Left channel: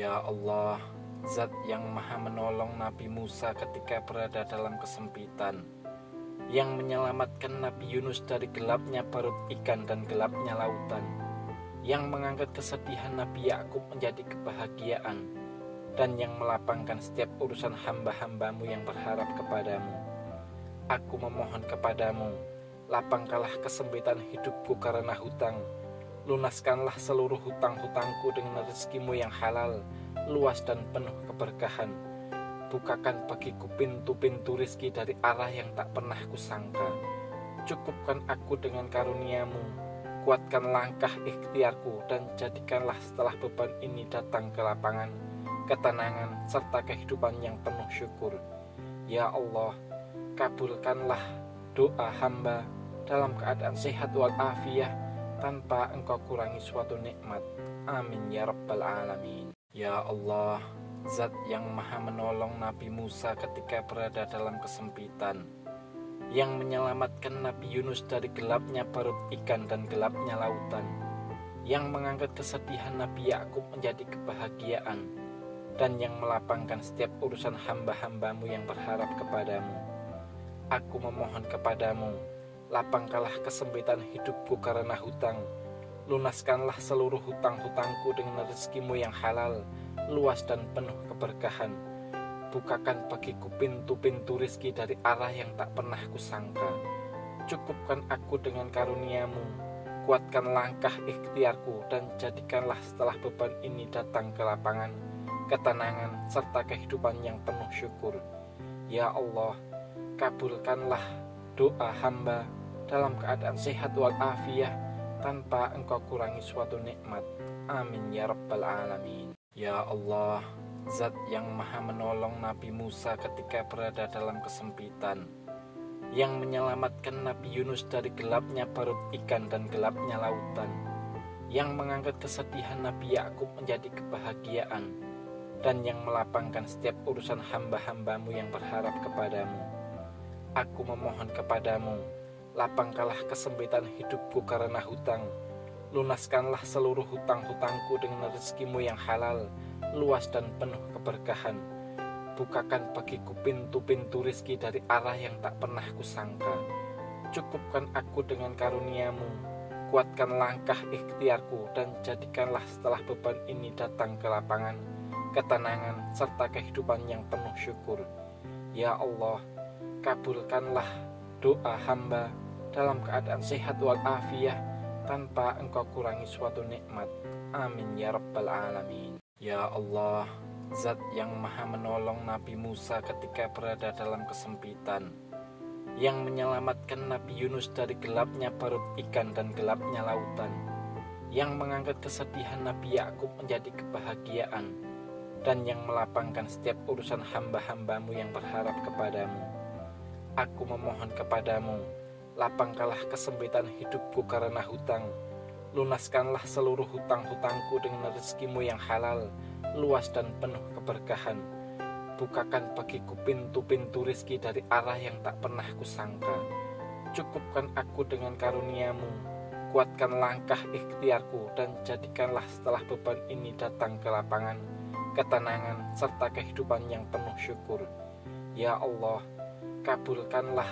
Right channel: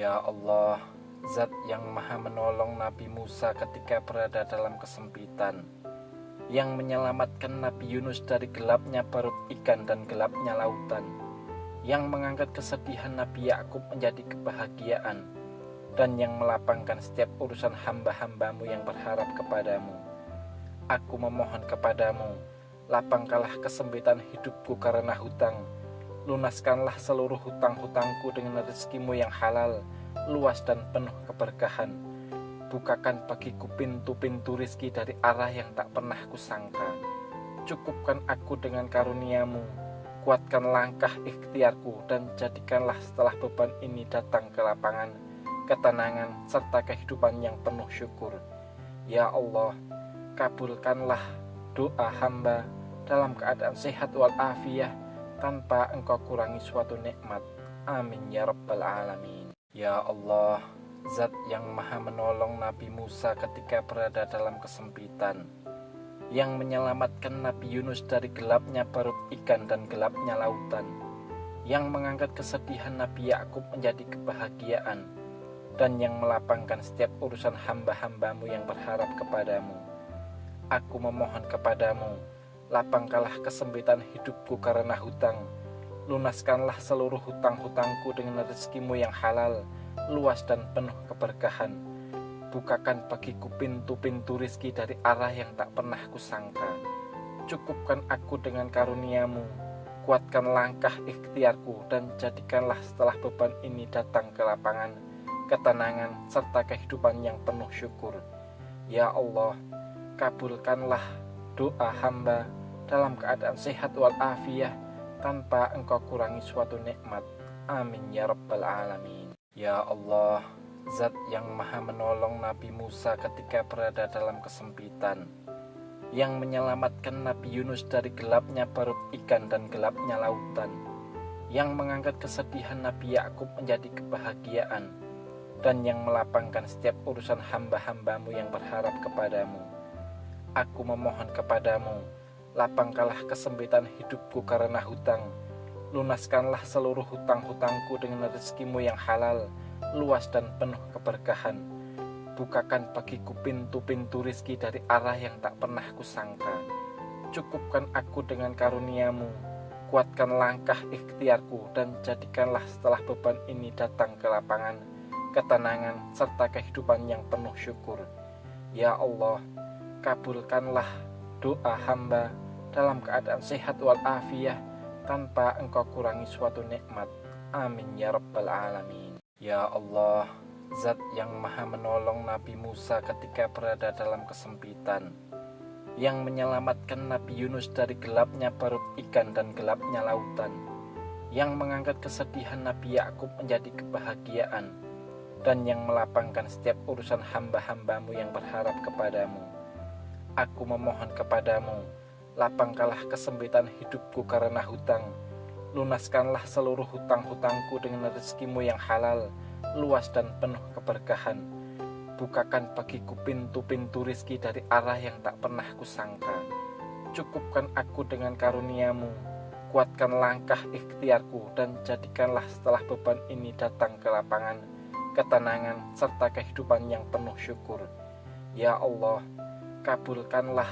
Ya Allah, Zat yang maha menolong Nabi Musa ketika berada dalam kesempitan, yang menyelamatkan Nabi Yunus dari gelapnya perut ikan dan gelapnya lautan, yang mengangkat kesedihan Nabi Yakub menjadi kebahagiaan, dan yang melapangkan setiap urusan hamba-hambamu yang berharap kepadamu. Aku memohon kepadamu, lapangkanlah kesempitan hidupku karena hutang. Lunaskanlah seluruh hutang-hutangku dengan rezekimu yang halal, luas dan penuh keberkahan. Bukakan bagiku pintu-pintu rizki dari arah yang tak pernah kusangka. Cukupkan aku dengan karuniamu, kuatkan langkah ikhtiarku, dan jadikanlah setelah beban ini datang ke lapangan, ketenangan, serta kehidupan yang penuh syukur. Ya Allah, kabulkanlah doa hamba dalam keadaan sehat walafiat, tanpa engkau kurangi suatu nikmat. Amin ya rabbal alamin. Ya Allah, Zat yang maha menolong Nabi Musa ketika berada dalam kesempitan, yang menyelamatkan Nabi Yunus dari gelapnya perut ikan dan gelapnya lautan, yang mengangkat kesedihan Nabi Yakub menjadi kebahagiaan, dan yang melapangkan setiap urusan hamba-hambamu yang berharap kepadamu. Aku memohon kepadamu, lapangkanlah kesempitan hidupku karena hutang. Lunaskanlah seluruh hutang-hutangku dengan rezekimu yang halal, luas dan penuh keberkahan. Bukakan bagiku pintu-pintu rizki dari arah yang tak pernah kusangka. Cukupkan aku dengan karuniamu, kuatkan langkah ikhtiarku, dan jadikanlah setelah beban ini datang ke lapangan, ketenangan, serta kehidupan yang penuh syukur. Ya Allah, kabulkanlah doa hamba dalam keadaan sehat walafiat, tanpa engkau kurangi suatu nikmat. Amin ya rabbal alamin. Ya Allah, Zat yang maha menolong Nabi Musa ketika berada dalam kesempitan, yang menyelamatkan Nabi Yunus dari gelapnya perut ikan dan gelapnya lautan, yang mengangkat kesedihan Nabi Yakub menjadi kebahagiaan, dan yang melapangkan setiap urusan hamba-hambamu yang berharap kepadamu. Aku memohon kepadamu, lapangkanlah kesempitan hidupku karena hutang. Lunaskanlah seluruh hutang-hutangku dengan rezekimu yang halal, luas dan penuh keberkahan. Bukakan bagiku pintu-pintu rizki dari arah yang tak pernah kusangka. Cukupkan aku dengan karuniamu, kuatkan langkah ikhtiarku, dan jadikanlah setelah beban ini datang ke lapangan, ketenangan, serta kehidupan yang penuh syukur. Ya Allah, kabulkanlah doa hamba dalam keadaan sehat walafiat, tanpa engkau kurangi suatu nikmat. Amin ya rabbal alamin. Ya Allah, Zat yang maha menolong Nabi Musa ketika berada dalam kesempitan, yang menyelamatkan Nabi Yunus dari gelapnya perut ikan dan gelapnya lautan, yang mengangkat kesedihan Nabi Yakub menjadi kebahagiaan, dan yang melapangkan setiap urusan hamba-hambamu yang berharap kepadamu. Aku memohon kepadamu, lapangkanlah kesempitan hidupku karena hutang. Lunaskanlah seluruh hutang-hutangku dengan rezekimu yang halal, luas dan penuh keberkahan. Bukakan bagiku pintu-pintu rizki dari arah yang tak pernah kusangka. Cukupkan aku dengan karuniamu, kuatkan langkah ikhtiarku, dan jadikanlah setelah beban ini datang ke lapangan, ketenangan, serta kehidupan yang penuh syukur. Ya Allah, kabulkanlah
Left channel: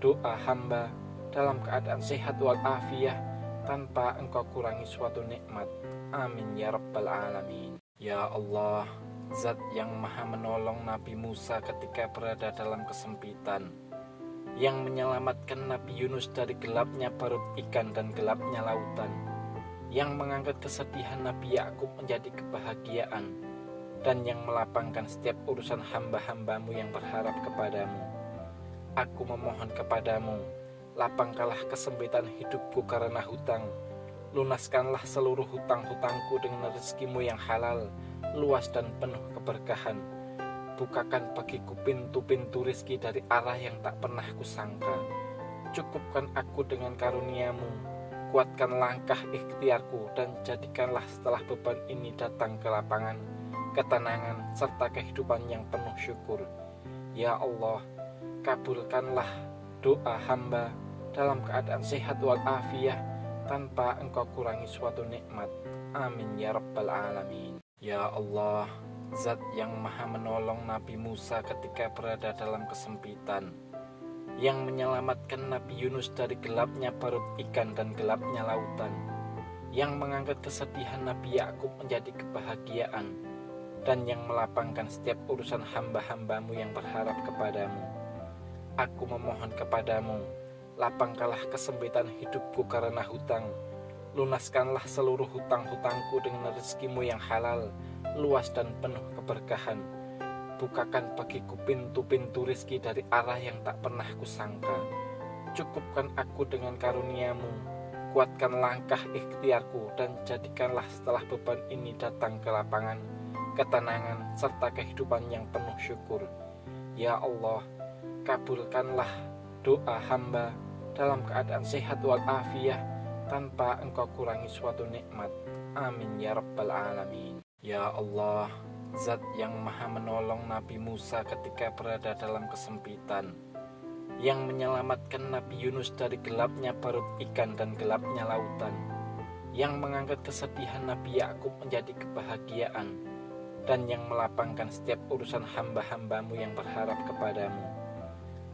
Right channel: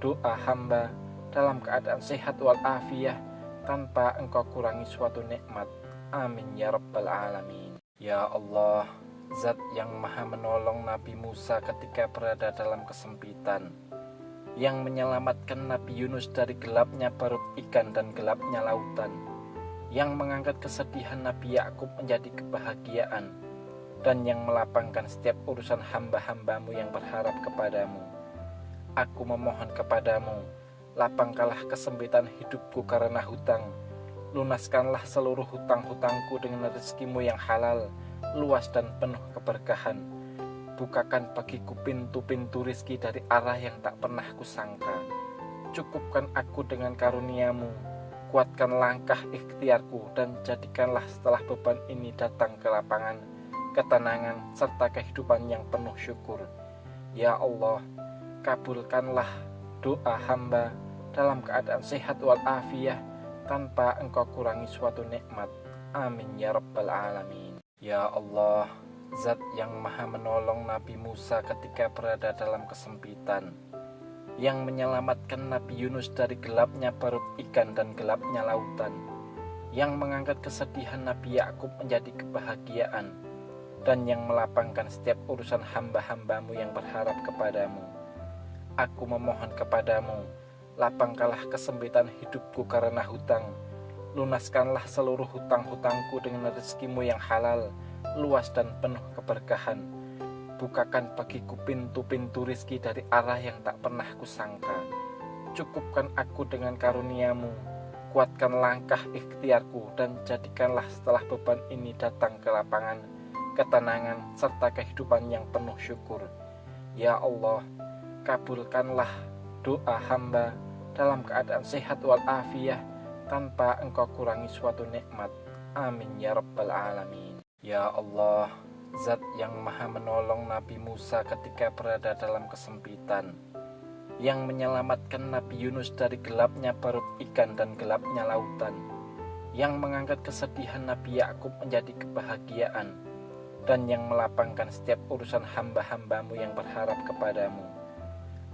doa hamba dalam keadaan sehat walafiat, tanpa engkau kurangi suatu nikmat. Amin ya rabbal alamin. Ya Allah, Zat yang maha menolong Nabi Musa ketika berada dalam kesempitan, yang menyelamatkan Nabi Yunus dari gelapnya perut ikan dan gelapnya lautan, yang mengangkat kesedihan Nabi Yakub menjadi kebahagiaan, dan yang melapangkan setiap urusan hamba-hambamu yang berharap kepadamu. Aku memohon kepadamu, lapangkanlah kesempitan hidupku karena hutang. Lunaskanlah seluruh hutang-hutangku dengan rezekimu yang halal, luas dan penuh keberkahan. Bukakan bagiku pintu-pintu rizki dari arah yang tak pernah kusangka. Cukupkan aku dengan karuniamu, kuatkan langkah ikhtiarku, dan jadikanlah setelah beban ini datang ke lapangan, ketenangan, serta kehidupan yang penuh syukur. Ya Allah, kabulkanlah doa hamba dalam keadaan sehat walafiat, tanpa engkau kurangi suatu nikmat. Amin ya rabbal alamin. Ya Allah, Zat yang maha menolong Nabi Musa ketika berada dalam kesempitan, yang menyelamatkan Nabi Yunus dari gelapnya perut ikan dan gelapnya lautan, yang mengangkat kesedihan Nabi Yakub menjadi kebahagiaan, dan yang melapangkan setiap urusan hamba-hambamu yang berharap kepadamu. Aku memohon kepadamu, lapangkanlah kesempitan hidupku karena hutang. Lunaskanlah seluruh hutang-hutangku dengan rezekimu yang halal, luas dan penuh keberkahan. Bukakan bagiku pintu-pintu rizki dari arah yang tak pernah kusangka. Cukupkan aku dengan karuniamu, kuatkan langkah ikhtiarku, dan jadikanlah setelah beban ini datang ke lapangan, ketenangan, serta kehidupan yang penuh syukur. Ya Allah, kabulkanlah doa hamba dalam keadaan sehat walafiat, tanpa engkau kurangi suatu nikmat. Amin ya rabbal alamin. Ya Allah, Zat yang maha menolong Nabi Musa ketika berada dalam kesempitan, yang menyelamatkan Nabi Yunus dari gelapnya perut ikan dan gelapnya lautan, yang mengangkat kesedihan Nabi Yakub menjadi kebahagiaan, dan yang melapangkan setiap urusan hamba-hambamu yang berharap kepadamu.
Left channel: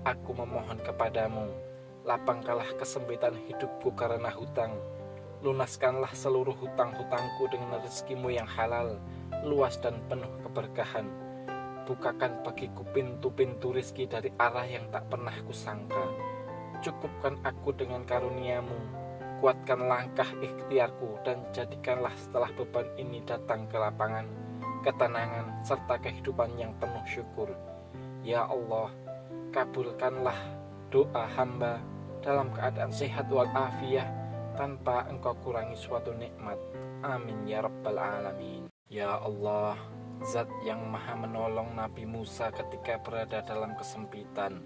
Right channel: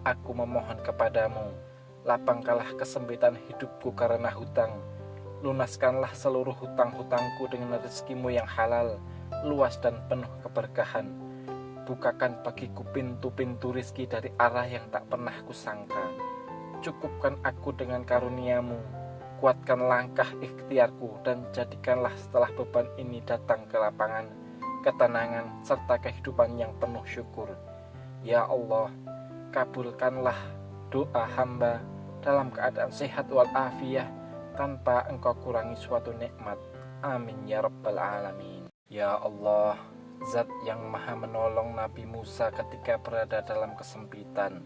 Aku memohon kepadamu, lapangkanlah kesempitan hidupku karena hutang. Lunaskanlah seluruh hutang-hutangku dengan rezekimu yang halal, luas dan penuh keberkahan. Bukakan bagiku pintu-pintu rizki dari arah yang tak pernah kusangka. Cukupkan aku dengan karuniamu, kuatkan langkah ikhtiarku, dan jadikanlah setelah beban ini datang ke lapangan, ketenangan, serta kehidupan yang penuh syukur. Ya Allah, kabulkanlah doa hamba dalam keadaan sehat walafiat, tanpa engkau kurangi suatu nikmat. Amin ya rabbal alamin. Ya Allah, Zat yang maha menolong Nabi Musa ketika berada dalam kesempitan,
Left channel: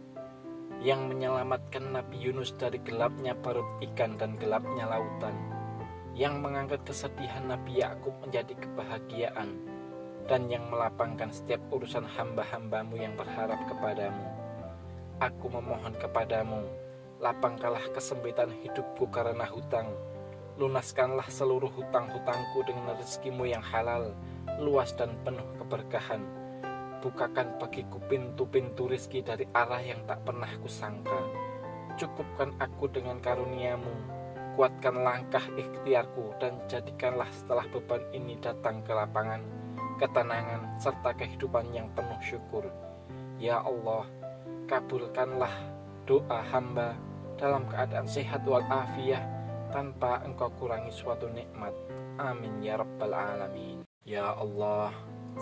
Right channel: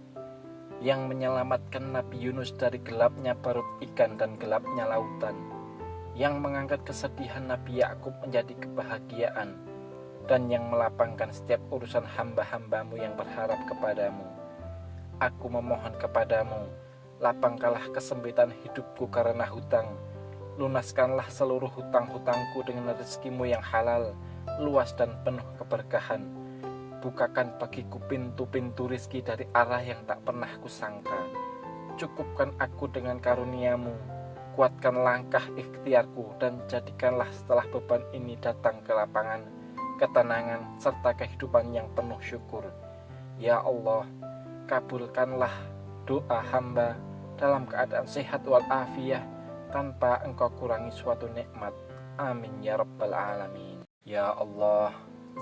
yang menyelamatkan Nabi Yunus dari gelapnya perut ikan dan gelapnya lautan, yang mengangkat kesedihan Nabi Yakub menjadi kebahagiaan, dan yang melapangkan setiap urusan hamba-hambamu yang berharap kepadamu. Aku memohon kepadamu, lapangkanlah kesempitan hidupku karena hutang. Lunaskanlah seluruh hutang-hutangku dengan rezekimu yang halal, luas dan penuh keberkahan. Bukakan bagiku pintu-pintu rizki dari arah yang tak pernah kusangka. Cukupkan aku dengan karuniamu, kuatkan langkah ikhtiarku, dan jadikanlah setelah beban ini datang ke lapangan, ketenangan, serta kehidupan yang penuh syukur. Ya Allah, kabulkanlah doa hamba dalam keadaan sehat walafiat, tanpa engkau kurangi suatu nikmat. Amin ya rabbal alamin. Ya Allah,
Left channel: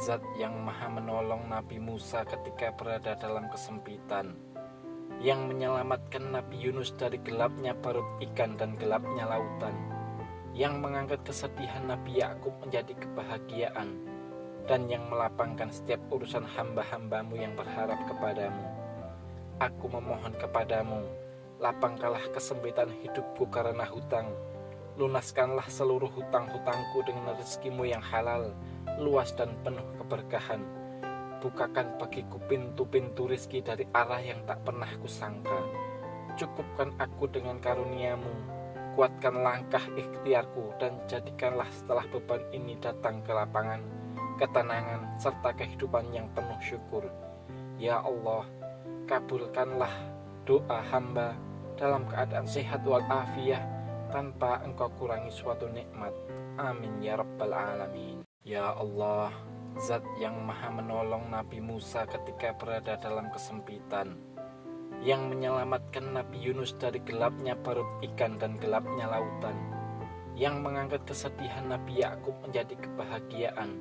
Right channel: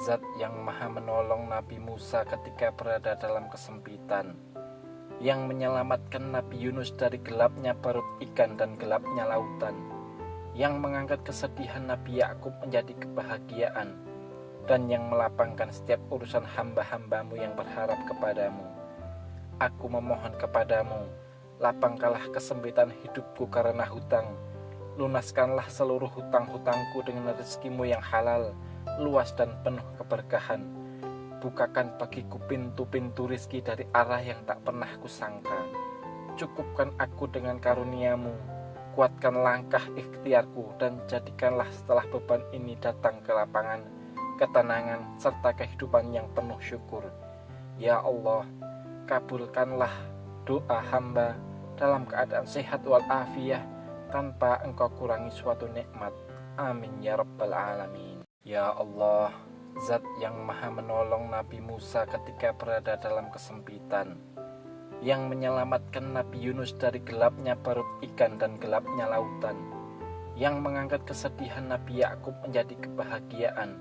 Zat yang maha menolong Nabi Musa ketika berada dalam kesempitan, yang menyelamatkan Nabi Yunus dari gelapnya perut ikan dan gelapnya lautan, yang mengangkat kesedihan Nabi Yakub menjadi kebahagiaan, dan yang melapangkan setiap urusan hamba-hambamu yang berharap kepadamu. Aku memohon kepadamu, lapangkanlah kesempitan hidupku karena hutang. Lunaskanlah seluruh hutang-hutangku dengan rezekimu yang halal, luas dan penuh keberkahan. Bukakan bagiku pintu-pintu rizki dari arah yang tak pernah kusangka. Cukupkan aku dengan karuniamu, kuatkan langkah ikhtiarku, dan jadikanlah setelah beban ini datang ke lapangan, ketenangan, serta kehidupan yang penuh syukur. Ya Allah, kabulkanlah doa hamba dalam keadaan sehat walafiat, tanpa engkau kurangi suatu nikmat. Amin ya rabbal alamin. Ya Allah, Zat yang maha menolong Nabi Musa ketika berada dalam kesempitan, yang menyelamatkan Nabi Yunus dari gelapnya perut ikan dan gelapnya lautan, yang mengangkat kesedihan Nabi Yakub menjadi kebahagiaan,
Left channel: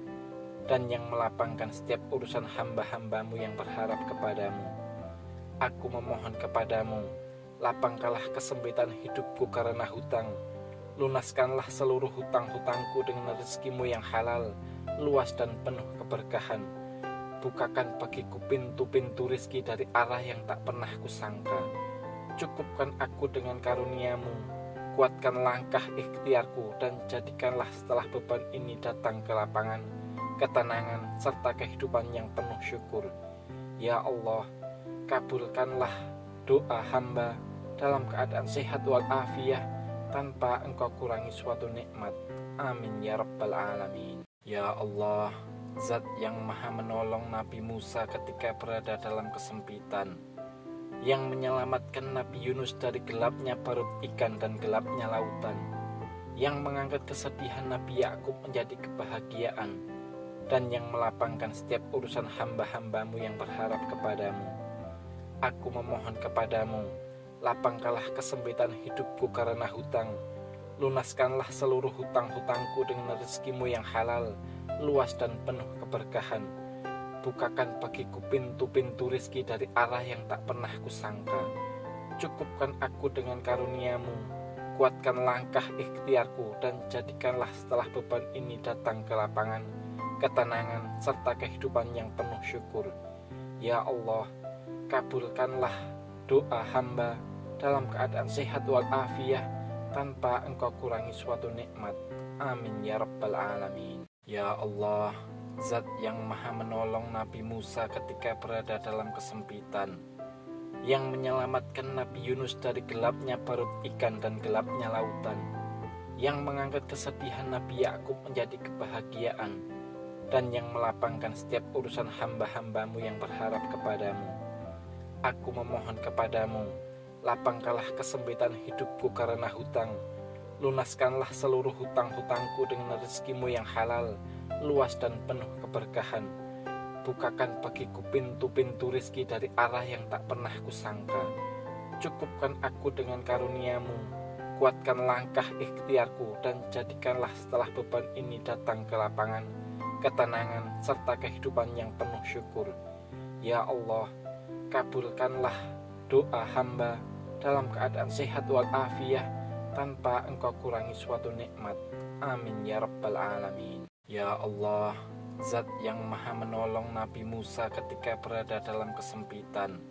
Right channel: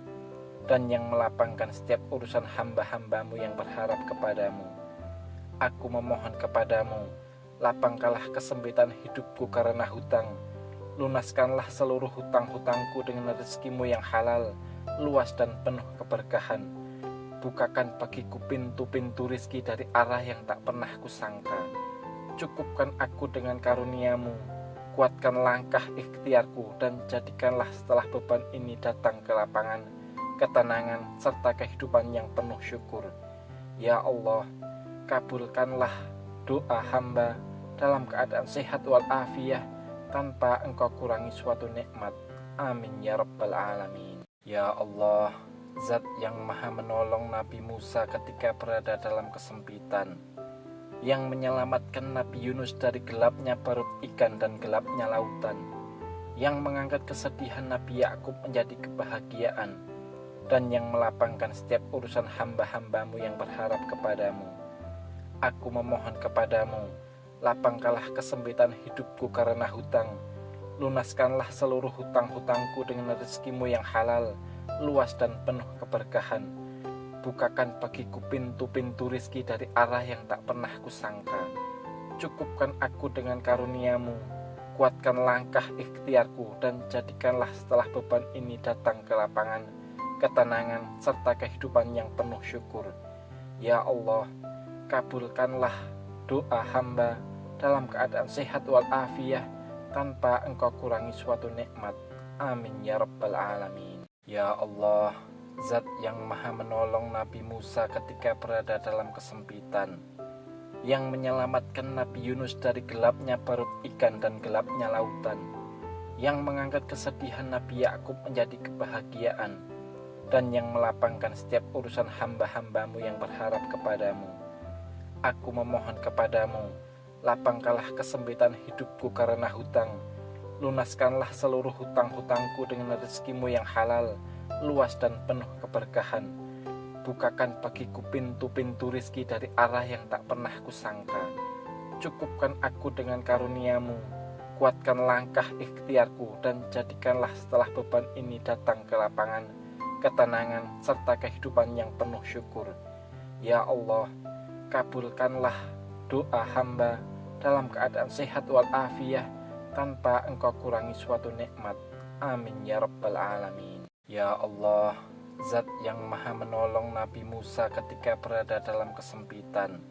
dan yang melapangkan setiap urusan hamba-hambamu yang berharap kepadamu. Aku memohon kepadamu, lapangkanlah kesempitan hidupku karena hutang. Lunaskanlah seluruh hutang-hutangku dengan rezekimu yang halal, luas dan penuh keberkahan. Bukakan bagiku pintu-pintu rizki dari arah yang tak pernah kusangka. Cukupkan aku dengan karuniamu, kuatkan langkah ikhtiarku, dan jadikanlah setelah beban ini datang ke lapangan, ketenangan, serta kehidupan yang penuh syukur. Ya Allah, kabulkanlah doa hamba dalam keadaan sehat walafiat, tanpa engkau kurangi suatu nikmat. Amin ya rabbal alamin. Ya Allah, Zat yang maha menolong Nabi Musa ketika berada dalam kesempitan, yang menyelamatkan Nabi Yunus dari gelapnya perut ikan dan gelapnya lautan, yang mengangkat kesedihan Nabi Yakub menjadi kebahagiaan, dan yang melapangkan setiap urusan hamba-hambamu yang berharap kepadamu. Aku memohon kepadamu, lapangkanlah kesempitan hidupku karena hutang, lunaskanlah seluruh hutang-hutangku dengan rezekimu yang halal, luas dan penuh keberkahan. Bukakan bagiku pintu-pintu rizki dari arah yang tak pernah kusangka. Cukupkan aku dengan karuniamu, kuatkan langkah ikhtiarku, dan jadikanlah setelah beban ini datang ke lapangan, ketenangan, serta kehidupan yang penuh syukur. Ya Allah, kabulkanlah doa hamba dalam keadaan sehat walafiat tanpa engkau kurangi suatu nikmat. Amin ya rabbal alamin. Ya Allah, Zat yang maha menolong Nabi Musa ketika berada dalam kesempitan, yang menyelamatkan Nabi Yunus dari gelapnya perut ikan dan gelapnya lautan, yang mengangkat kesedihan Nabi Yakub menjadi kebahagiaan, dan yang melapangkan setiap urusan hamba-hambamu yang berharap kepadamu. Aku memohon kepadamu, lapangkanlah kesempitan hidupku karena hutang, lunaskanlah seluruh hutang-hutangku dengan rezekimu yang halal, luas dan penuh keberkahan. Bukakan bagiku pintu-pintu rizki dari arah yang tak pernah kusangka. Cukupkan aku dengan karuniamu, kuatkan langkah ikhtiarku, dan jadikanlah setelah beban ini datang ke lapangan, ketenangan, serta kehidupan yang penuh syukur. Ya Allah, kabulkanlah doa hamba dalam keadaan sehat walafiat tanpa engkau kurangi suatu nikmat. Amin ya rabbal alamin. Ya Allah, Zat yang maha menolong Nabi Musa ketika berada dalam kesempitan,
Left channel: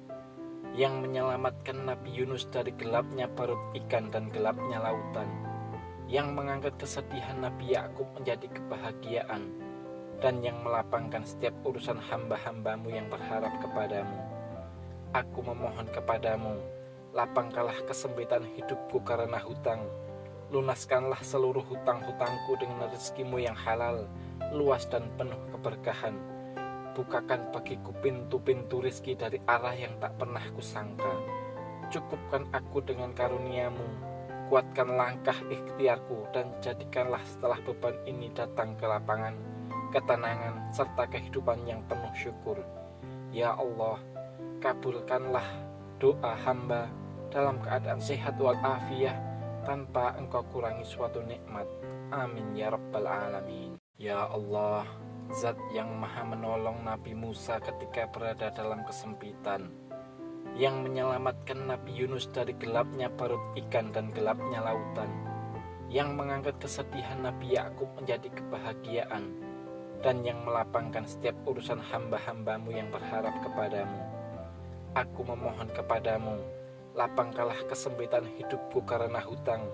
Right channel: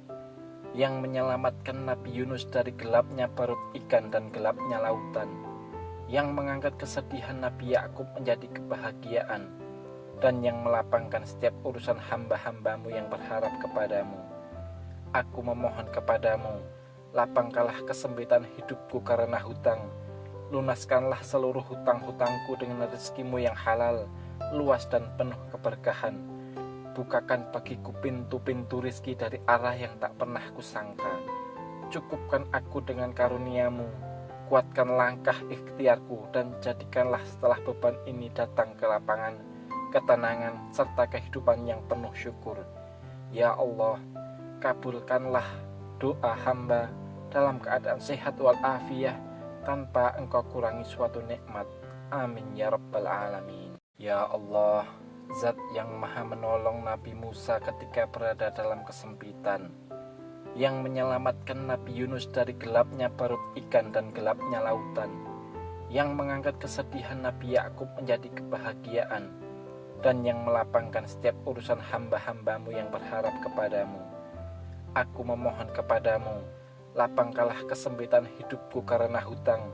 yang menyelamatkan Nabi Yunus dari gelapnya perut ikan dan gelapnya lautan, yang mengangkat kesedihan Nabi Yakub menjadi kebahagiaan, dan yang melapangkan setiap urusan hamba-hambamu yang berharap kepadamu. Aku memohon kepadamu, lapangkanlah kesempitan hidupku karena hutang, lunaskanlah seluruh hutang-hutangku dengan rezekimu yang halal, luas dan penuh keberkahan. Bukakan bagiku pintu-pintu rizki dari arah yang tak pernah kusangka. Cukupkan aku dengan karuniamu, kuatkan langkah ikhtiarku, dan jadikanlah setelah beban ini datang ke lapangan, ketenangan, serta kehidupan yang penuh syukur. Ya Allah, kabulkanlah doa hamba dalam keadaan sehat walafiat tanpa engkau kurangi suatu nikmat. Amin ya rabbal alamin. Ya Allah, Zat yang maha menolong Nabi Musa ketika berada dalam kesempitan, yang menyelamatkan Nabi Yunus dari gelapnya perut ikan dan gelapnya lautan, yang mengangkat kesedihan Nabi Yakub menjadi kebahagiaan, dan yang melapangkan setiap urusan hamba-hambamu yang berharap kepadamu. Aku memohon kepadamu, lapangkanlah kesempitan hidupku karena hutang,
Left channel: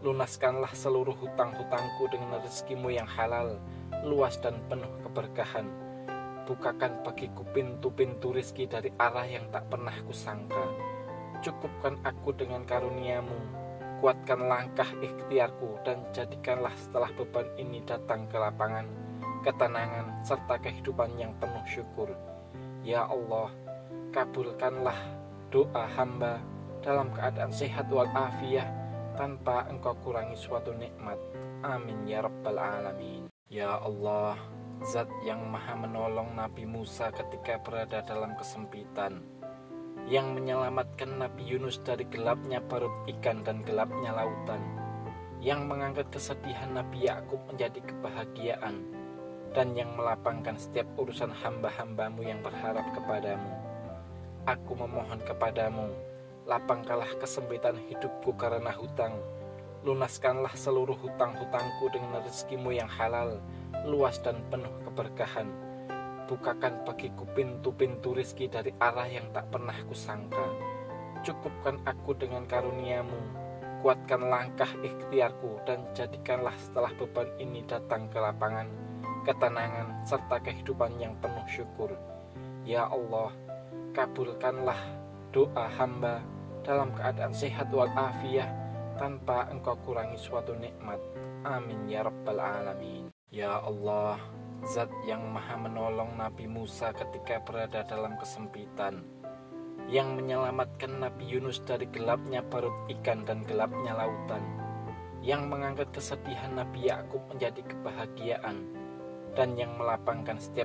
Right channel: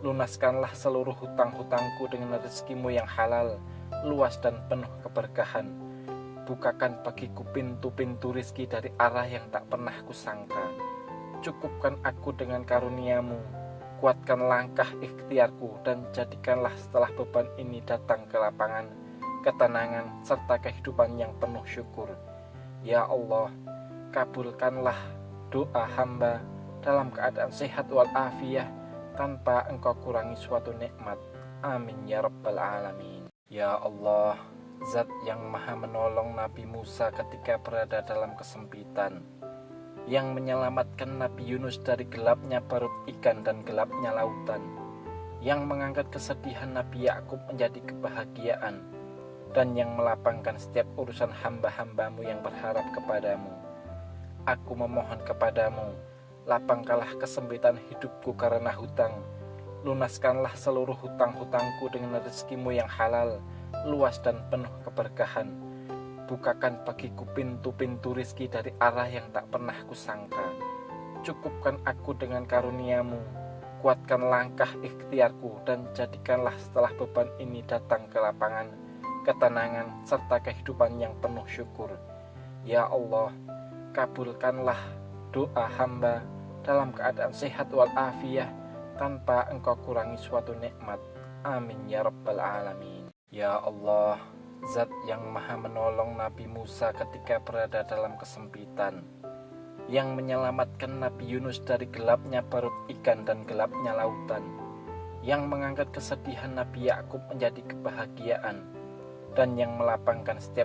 lunaskanlah seluruh hutang-hutangku dengan rezekimu yang halal, luas dan penuh keberkahan. Bukakan bagiku pintu-pintu rizki dari arah yang tak pernah kusangka. Cukupkan aku dengan karuniamu, kuatkan langkah ikhtiarku, dan jadikanlah setelah beban ini datang ke lapangan, ketenangan, serta kehidupan yang penuh syukur. Ya Allah, kabulkanlah doa hamba dalam keadaan sehat walafiat tanpa engkau kurangi suatu nikmat. Amin ya rabbal alamin. Ya Allah, Zat yang maha menolong Nabi Musa ketika berada dalam kesempitan, yang menyelamatkan Nabi Yunus dari gelapnya perut ikan dan gelapnya lautan, yang mengangkat kesedihan Nabi Yakub menjadi kebahagiaan, dan yang melapangkan setiap urusan hamba-hambamu yang berharap kepadamu. Aku memohon kepadamu, lapangkanlah kesempitan hidupku karena hutang, lunaskanlah seluruh hutang-hutangku dengan rezekimu yang halal, luas dan penuh keberkahan. Bukakan bagiku pintu-pintu rizki dari arah yang tak pernah kusangka. Cukupkan aku dengan karuniamu, kuatkan langkah ikhtiarku, dan jadikanlah setelah beban ini datang ke lapangan, ketenangan, serta kehidupan yang penuh syukur. Ya Allah, kabulkanlah doa hamba dalam keadaan sehat walafiat tanpa engkau kurangi suatu nikmat. Amin ya rabbal alamin. Ya Allah, Zat yang maha menolong Nabi Musa ketika berada dalam kesempitan, yang menyelamatkan Nabi Yunus dari gelapnya perut ikan dan gelapnya lautan, yang mengangkat kesedihan Nabi Yakub menjadi kebahagiaan, dan yang melapangkan setiap